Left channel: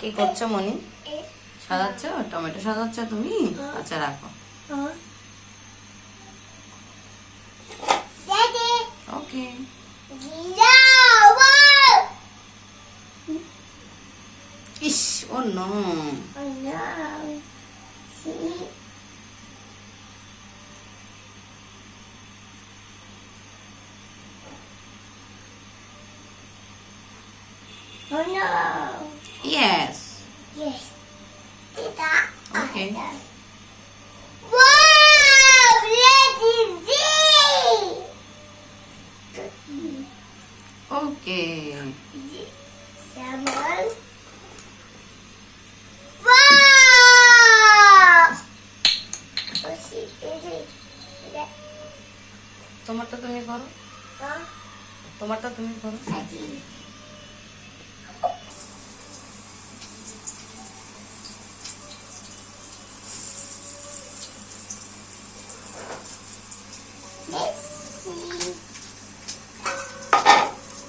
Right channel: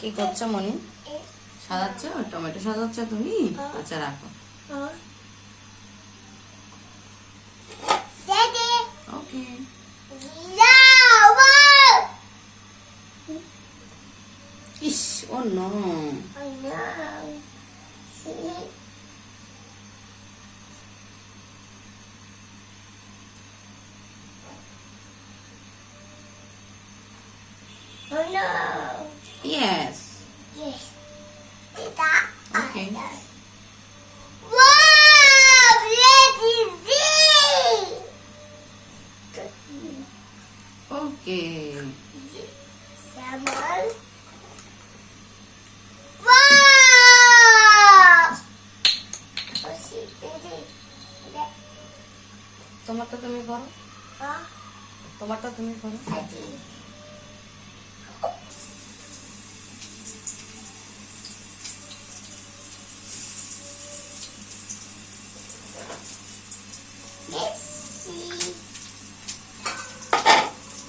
কি করছ মনি? সাজাচ্ছ? টমেটো সাজাচ্ছ তুমি? আচ্ছা রাখো। ওকে ইস ও no. Oh no. Yes. Okay. Wow! Let it see! Okay Salmon. Wow! Oh, see, it is. Let- তোমারটা তুমি করো Huh? তোমারটা তুমি করো I did.